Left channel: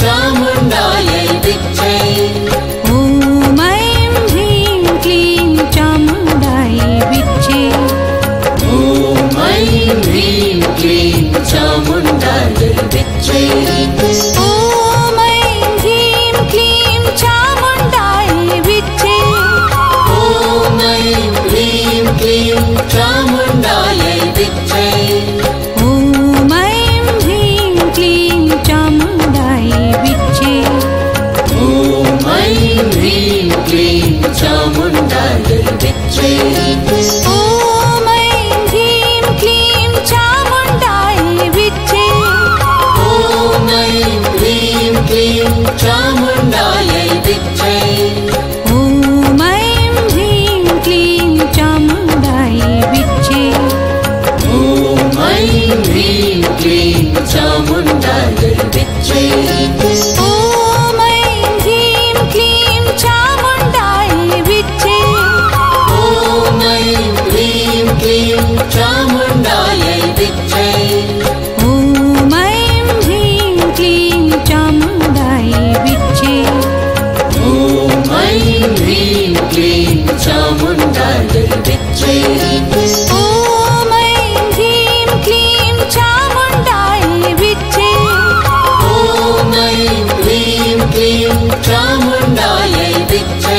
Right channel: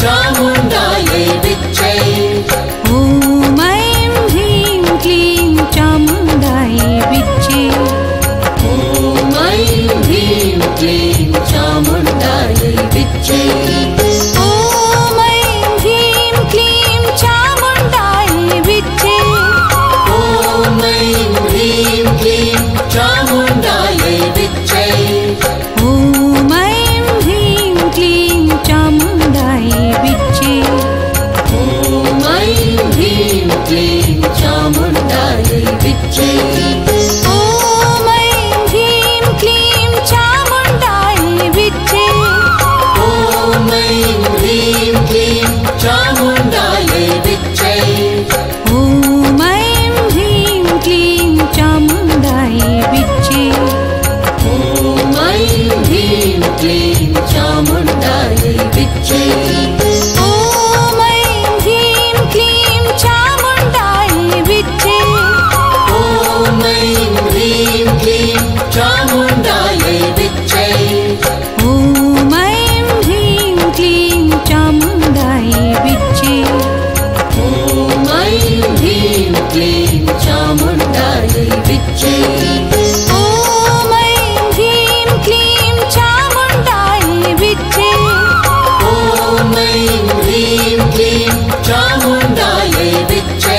चामुण्डायै विच्चे ॐ ऐं ह्रीं क्लीं चामुण्डायै विच्चे ॐ ऐं ह्रीं क्लीं चामुण्डायै विच्चे ॐ ऐं ह्रीं क्लीं चामुण्डायै विच्चे ॐ ऐं ह्रीं क्लीं चामुण्डायै विच्चे ॐ ऐं ह्रीं क्लीं चामुण्डायै विच्चे ॐ ऐं ह्रीं क्लीं चामुण्डायै विच्चे ॐ ऐं ह्रीं क्लीं चामुण्डायै विच्चे ॐ ऐं ह्रीं क्लीं चामुण्डायै विच्चे ॐ ऐं ह्रीं क्लीं चामुण्डायै विच्चे ॐ ऐं ह्रीं क्लीं चामुण्डायै विच्चे ॐ ऐं ह्रीं क्लीं चामुण्डायै विच्चे ॐ ऐं ह्रीं क्लीं चामुण्डायै विच्चे ॐ ऐं ह्रीं क्लीं चामुण्डायै विच्चे ॐ ऐं ह्रीं क्लीं चामुण्डायै विच्चे ॐ ऐं ह्रीं क्लीं चामुण्डायै विच्चे ॐ ऐं ह्रीं क्लीं चामुण्डायै विच्चे